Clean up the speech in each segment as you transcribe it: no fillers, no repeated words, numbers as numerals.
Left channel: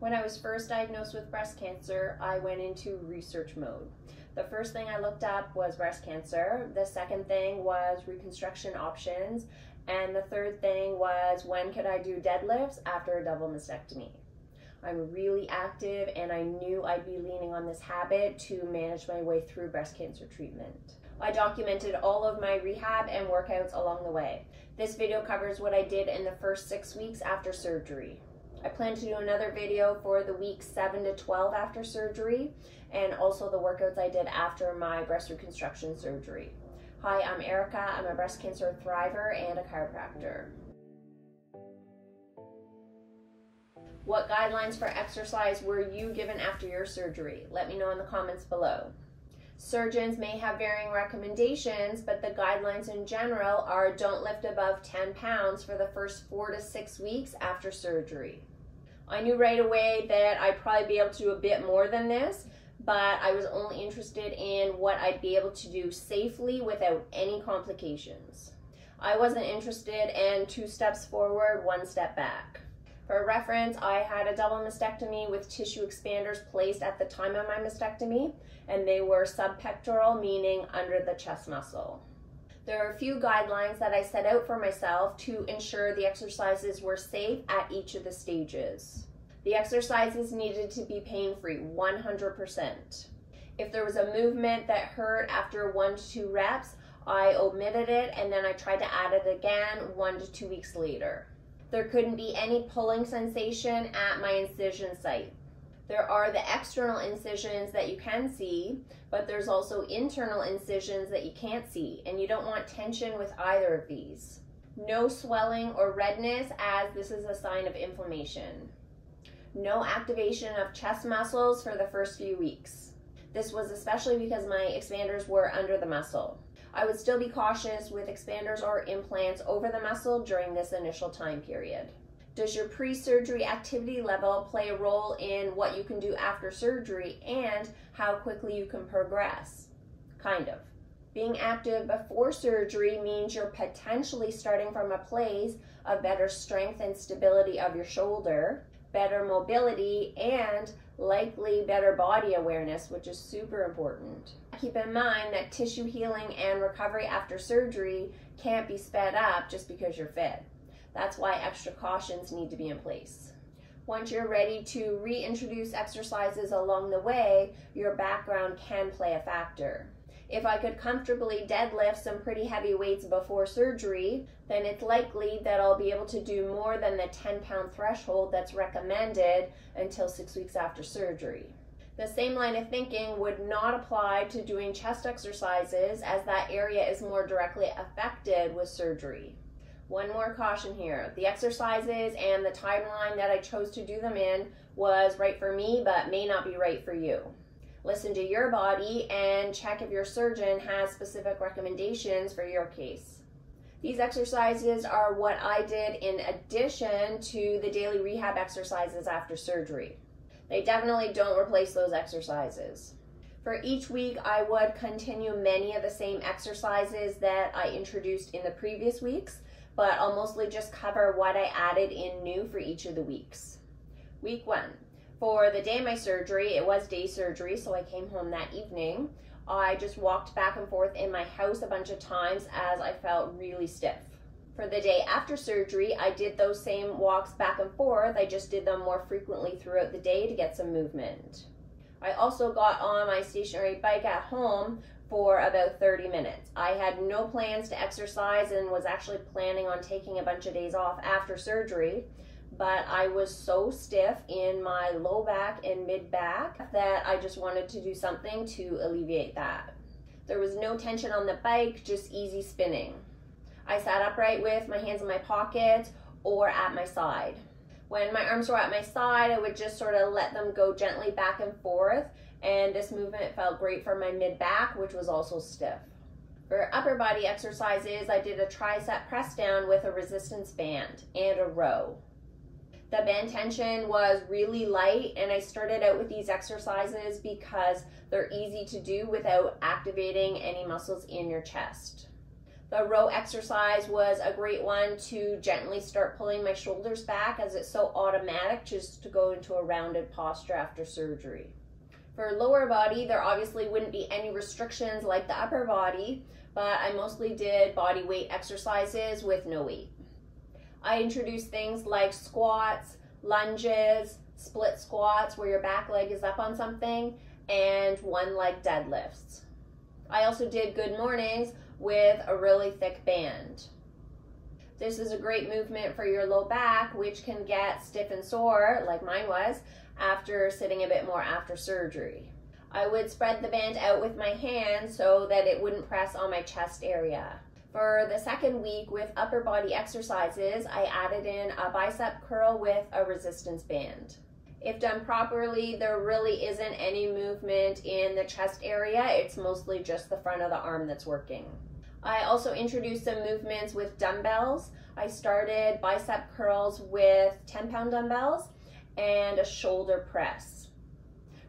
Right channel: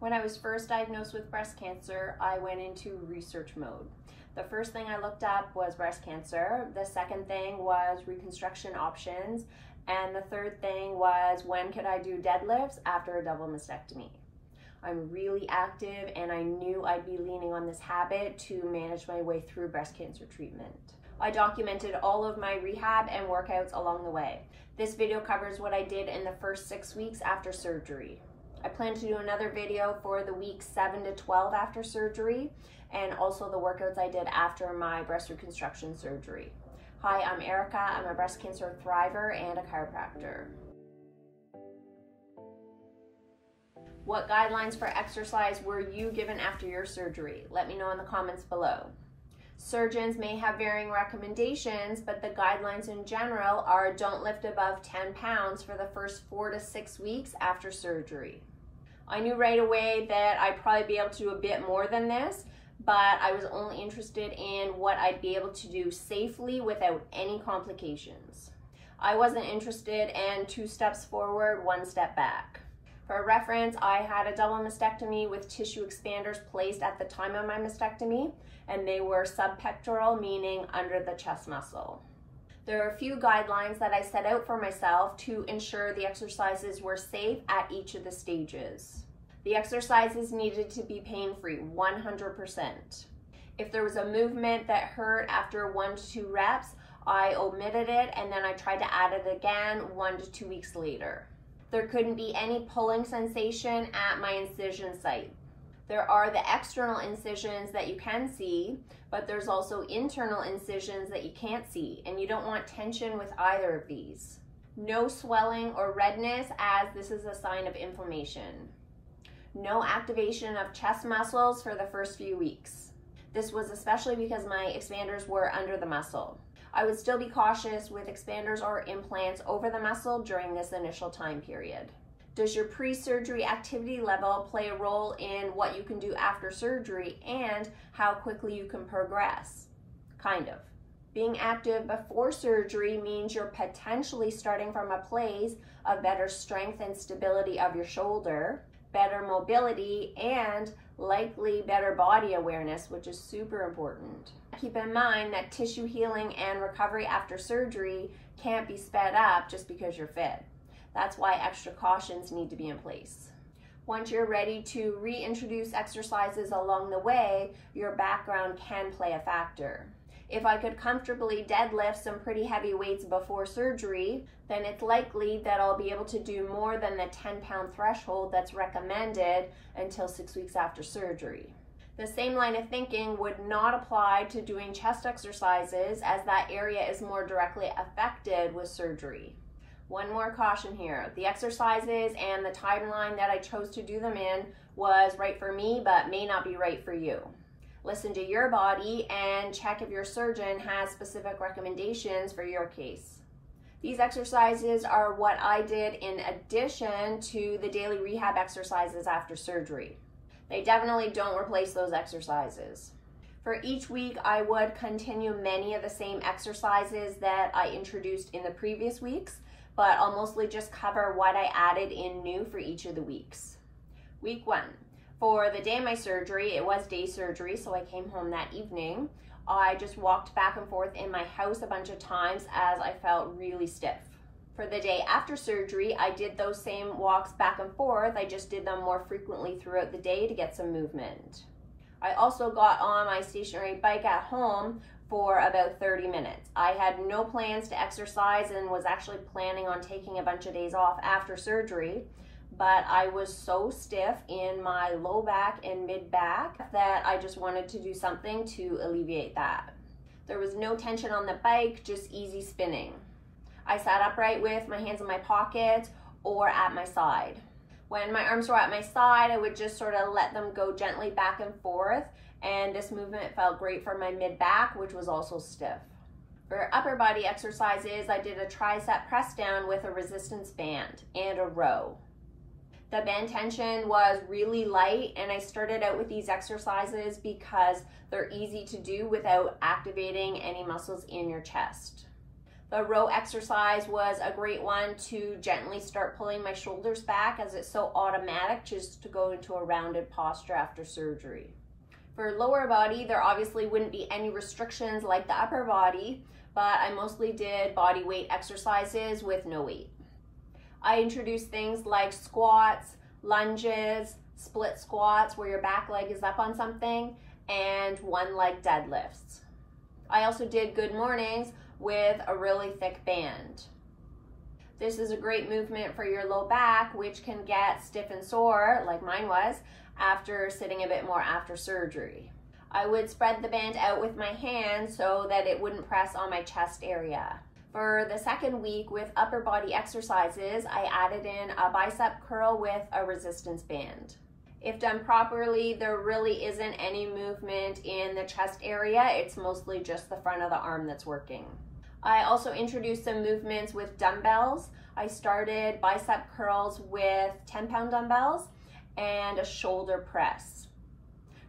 When I was first diagnosed with breast cancer, I went into research mode. The first thing I looked up was breast cancer. The second thing was reconstruction options. And the third thing was when could I do deadlifts after a double mastectomy. I'm really active and I knew I'd be leaning on this habit to manage my way through breast cancer treatment. I documented all of my rehab and workouts along the way. This video covers what I did in the first 6 weeks after surgery. I plan to do another video for the weeks 7 to 12 after surgery and also the workouts I did after my breast reconstruction surgery. Hi, I'm Erica. I'm a breast cancer thriver and a chiropractor. What guidelines for exercise were you given after your surgery? Let me know in the comments below. Surgeons may have varying recommendations, but the guidelines in general are don't lift above 10 pounds for the first 4 to 6 weeks after surgery. I knew right away that I'd probably be able to do a bit more than this, but I was only interested in what I'd be able to do safely without any complications. I wasn't interested in 2 steps forward, 1 step back. For reference, I had a double mastectomy with tissue expanders placed at the time of my mastectomy, and they were subpectoral, meaning under the chest muscle. There are a few guidelines that I set out for myself to ensure the exercises were safe at each of the stages. The exercises needed to be pain-free, 100%. If there was a movement that hurt after 1 to 2 reps, I omitted it and then I tried to add it again 1 to 2 weeks later. There couldn't be any pulling sensation at my incision site. There are the external incisions that you can see, but there's also internal incisions that you can't see, and you don't want tension with either of these. No swelling or redness, as this is a sign of inflammation. No activation of chest muscles for the first few weeks. This was especially because my expanders were under the muscle. I would still be cautious with expanders or implants over the muscle during this initial time period. Does your pre-surgery activity level play a role in what you can do after surgery and how quickly you can progress? Kind of. Being active before surgery means you're potentially starting from a place of better strength and stability of your shoulder, better mobility, and likely better body awareness, which is super important. Keep in mind that tissue healing and recovery after surgery can't be sped up just because you're fit. That's why extra cautions need to be in place. Once you're ready to reintroduce exercises along the way, your background can play a factor. If I could comfortably deadlift some pretty heavy weights before surgery, then it's likely that I'll be able to do more than the 10-pound threshold that's recommended until 6 weeks after surgery. The same line of thinking would not apply to doing chest exercises, as that area is more directly affected with surgery. One more caution here. The exercises and the timeline that I chose to do them in was right for me, but may not be right for you. Listen to your body and check if your surgeon has specific recommendations for your case. These exercises are what I did in addition to the daily rehab exercises after surgery. They definitely don't replace those exercises. For each week, I would continue many of the same exercises that I introduced in the previous weeks, but I'll mostly just cover what I added in new for each of the weeks. Week 1. For the day of my surgery, it was day surgery, so I came home that evening. I just walked back and forth in my house a bunch of times as I felt really stiff. For the day after surgery, I did those same walks back and forth. I just did them more frequently throughout the day to get some movement. I also got on my stationary bike at home for about 30 minutes. I had no plans to exercise and was actually planning on taking a bunch of days off after surgery, but I was so stiff in my low back and mid back that I just wanted to do something to alleviate that. There was no tension on the bike, just easy spinning. I sat upright with my hands in my pocket or at my side. When my arms were at my side, I would just sort of let them go gently back and forth, and this movement felt great for my mid back, which was also stiff. For upper body exercises, I did a tricep press down with a resistance band and a row. The band tension was really light, and I started out with these exercises because they're easy to do without activating any muscles in your chest. The row exercise was a great one to gently start pulling my shoulders back, as it's so automatic just to go into a rounded posture after surgery. For lower body, there obviously wouldn't be any restrictions like the upper body, but I mostly did body weight exercises with no weight. I introduced things like squats, lunges, split squats where your back leg is up on something, and one leg deadlifts. I also did good mornings with a really thick band. This is a great movement for your low back, which can get stiff and sore, like mine was, after sitting a bit more after surgery. I would spread the band out with my hand so that it wouldn't press on my chest area. For the second week with upper body exercises, I added in a bicep curl with a resistance band. If done properly, there really isn't any movement in the chest area. It's mostly just the front of the arm that's working. I also introduced some movements with dumbbells. I started bicep curls with 10-pound dumbbells and a shoulder press.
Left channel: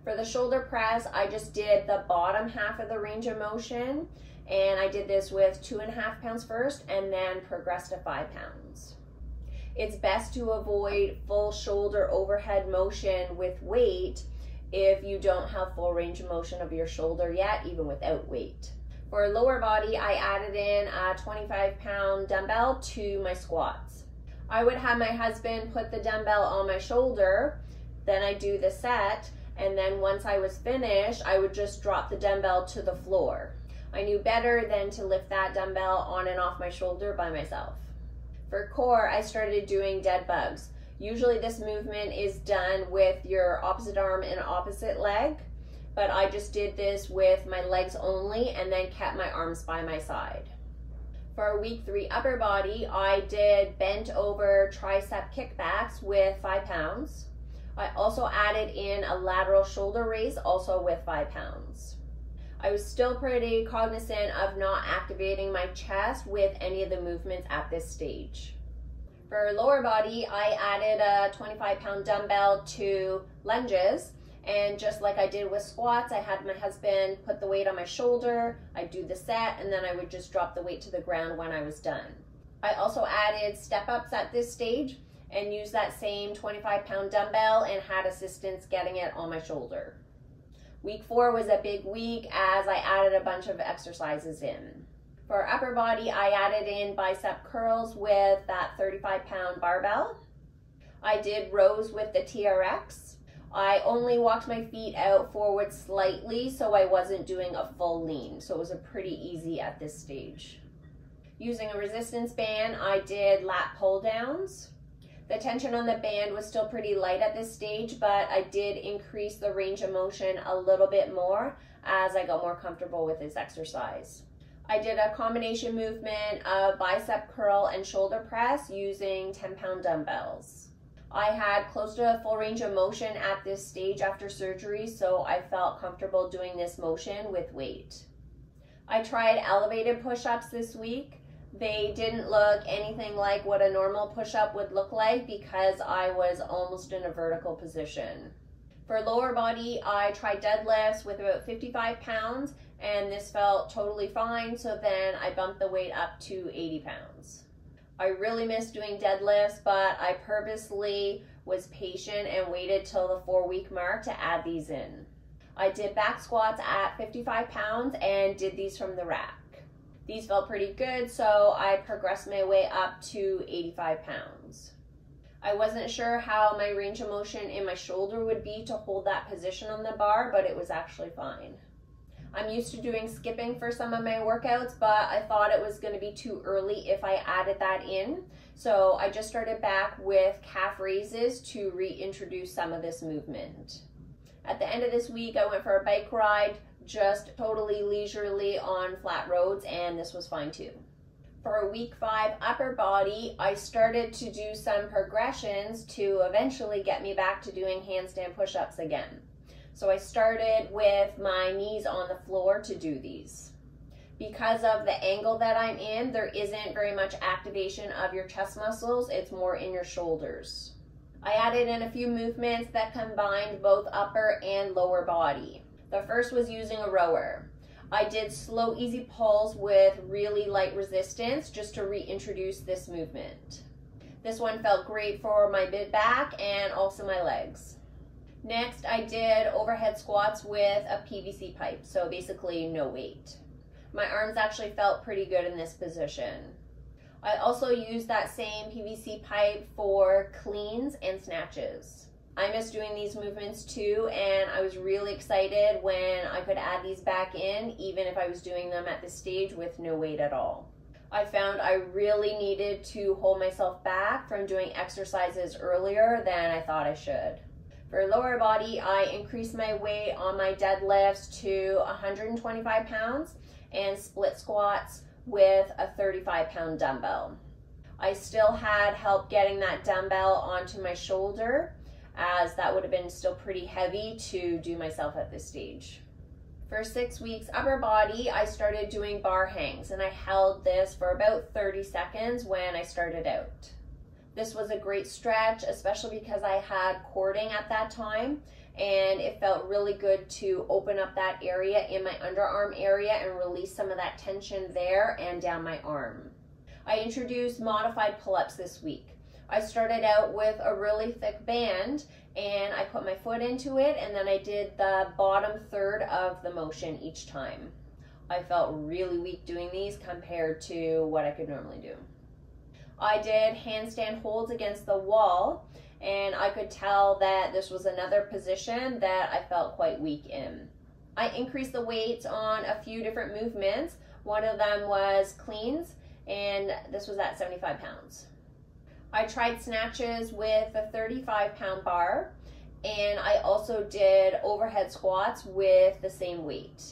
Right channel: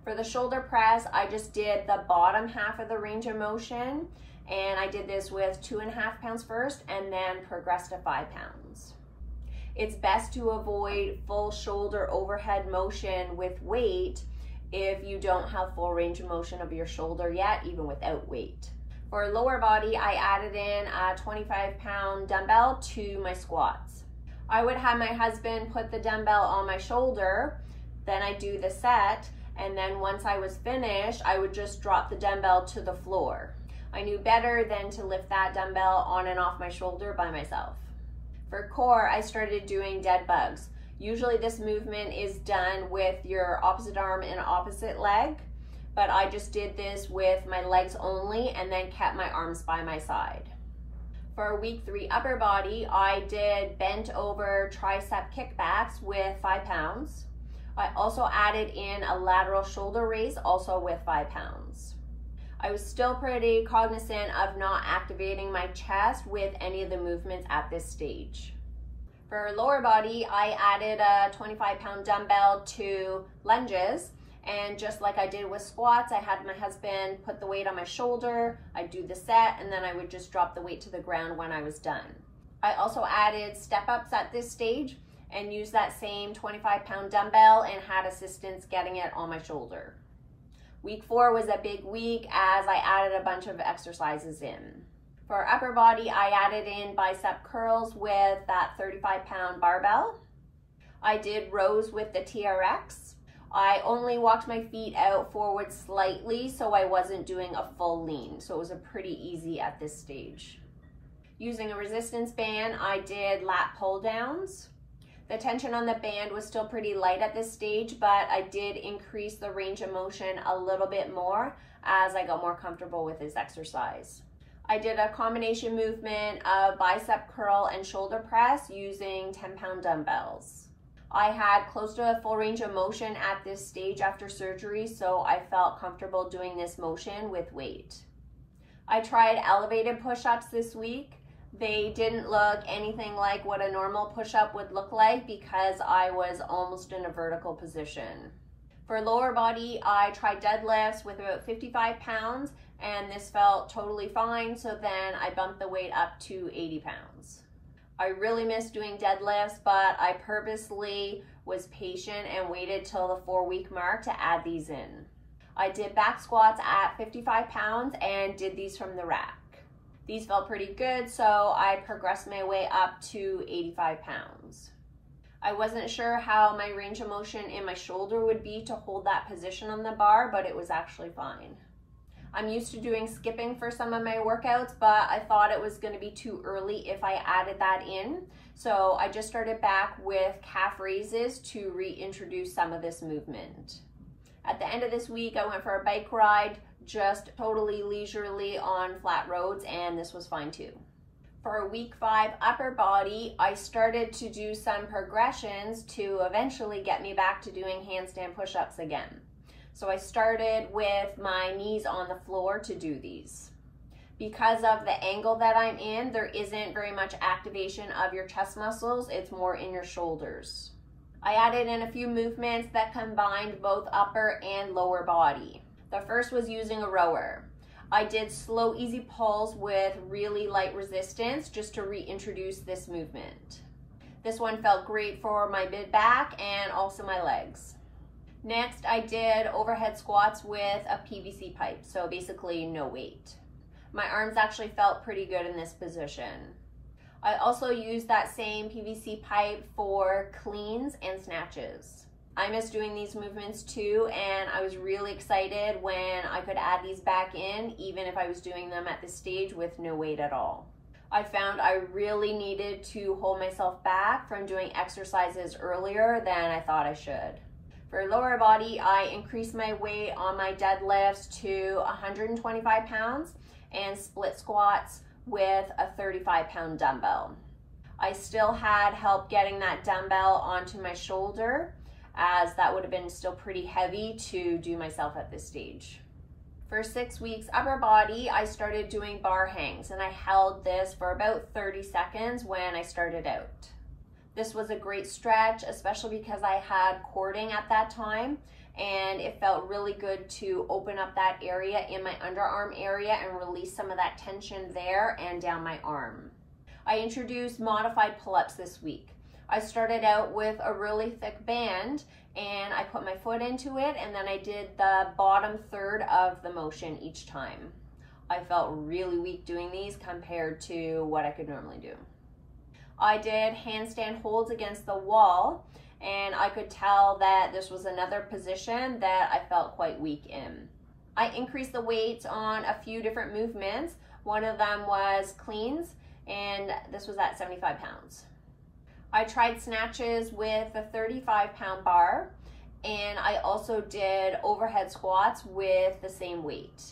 For the shoulder press, I just did the bottom half of the range of motion, and I did this with 2.5 pounds first and then progressed to 5 pounds. It's best to avoid full shoulder overhead motion with weight if you don't have full range of motion of your shoulder yet, even without weight. For lower body, I added in a 25-pound dumbbell to my squats. I would have my husband put the dumbbell on my shoulder, then I do the set, and then once I was finished, I would just drop the dumbbell to the floor. I knew better than to lift that dumbbell on and off my shoulder by myself. For core, I started doing dead bugs. Usually this movement is done with your opposite arm and opposite leg, but I just did this with my legs only and then kept my arms by my side. For week 3 upper body, I did bent over tricep kickbacks with 5 pounds. I also added in a lateral shoulder raise, also with 5 pounds. I was still pretty cognizant of not activating my chest with any of the movements at this stage. For lower body, I added a 25-pound dumbbell to lunges, and just like I did with squats, I had my husband put the weight on my shoulder, I'd do the set, and then I would just drop the weight to the ground when I was done. I also added step-ups at this stage and used that same 25-pound dumbbell and had assistance getting it on my shoulder. Week 4 was a big week as I added a bunch of exercises in. For upper body, I added in bicep curls with that 35-pound barbell. I did rows with the TRX. I only walked my feet out forward slightly, so I wasn't doing a full lean, so it was a pretty easy at this stage. Using a resistance band, I did lat pull downs. The tension on the band was still pretty light at this stage, but I did increase the range of motion a little bit more as I got more comfortable with this exercise. I did a combination movement of bicep curl and shoulder press using 10-pound dumbbells. I had close to a full range of motion at this stage after surgery, so I felt comfortable doing this motion with weight. I tried elevated push-ups this week. They didn't look anything like what a normal push-up would look like because I was almost in a vertical position. For lower body, I tried deadlifts with about 55 pounds and this felt totally fine, so then I bumped the weight up to 80 pounds. I really missed doing deadlifts, but I purposely was patient and waited till the 4-week mark to add these in. I did back squats at 55 pounds and did these from the rack. These felt pretty good, so I progressed my way up to 85 pounds. I wasn't sure how my range of motion in my shoulder would be to hold that position on the bar, but it was actually fine. I'm used to doing skipping for some of my workouts, but I thought it was going to be too early if I added that in. So I just started back with calf raises to reintroduce some of this movement. At the end of this week, I went for a bike ride, just totally leisurely on flat roads, and this was fine too. For week 5 upper body, I started to do some progressions to eventually get me back to doing handstand push-ups again. So I started with my knees on the floor to do these. Because of the angle that I'm in, there isn't very much activation of your chest muscles, it's more in your shoulders. I added in a few movements that combined both upper and lower body. The first was using a rower. I did slow, easy pulls with really light resistance just to reintroduce this movement. This one felt great for my mid back and also my legs. Next, I did overhead squats with a PVC pipe, so basically no weight. My arms actually felt pretty good in this position. I also used that same PVC pipe for cleans and snatches. I miss doing these movements too, and I was really excited when I could add these back in, even if I was doing them at this stage with no weight at all. I found I really needed to hold myself back from doing exercises earlier than I thought I should. For lower body, I increased my weight on my deadlifts to 125 pounds and split squats with a 35-pound dumbbell. I still had help getting that dumbbell onto my shoulder, as that would have been still pretty heavy to do myself at this stage. For 6 weeks upper body, I started doing bar hangs, and I held this for about 30 seconds when I started out. This was a great stretch, especially because I had cording at that time, and it felt really good to open up that area in my underarm area and release some of that tension there and down my arm. I introduced modified pull-ups this week. I started out with a really thick band, and I put my foot into it, and then I did the bottom third of the motion each time. I felt really weak doing these compared to what I could normally do. I did handstand holds against the wall, and I could tell that this was another position that I felt quite weak in. I increased the weights on a few different movements. One of them was cleans, and this was at 75 pounds. I tried snatches with a 35-pound bar, and I also did overhead squats with the same weight.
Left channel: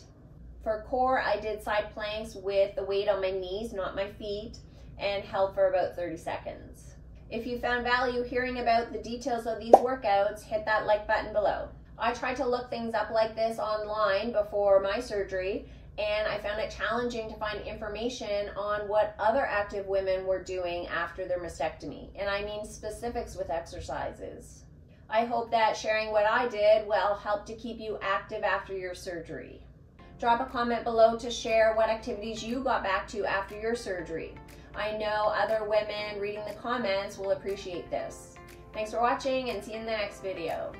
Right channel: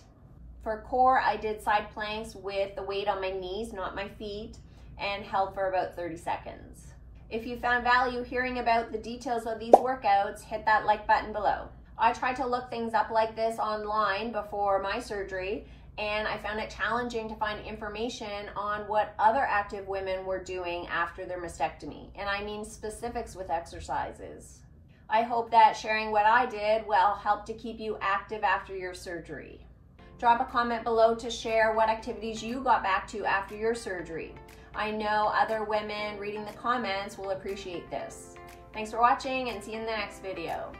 For core, I did side planks with the weight on my knees, not my feet, and held for about 30 seconds. If you found value hearing about the details of these workouts, hit that like button below. I tried to look things up like this online before my surgery, and I found it challenging to find information on what other active women were doing after their mastectomy, and I mean specifics with exercises. I hope that sharing what I did will help to keep you active after your surgery. Drop a comment below to share what activities you got back to after your surgery. I know other women reading the comments will appreciate this. Thanks for watching, and see you in the next video.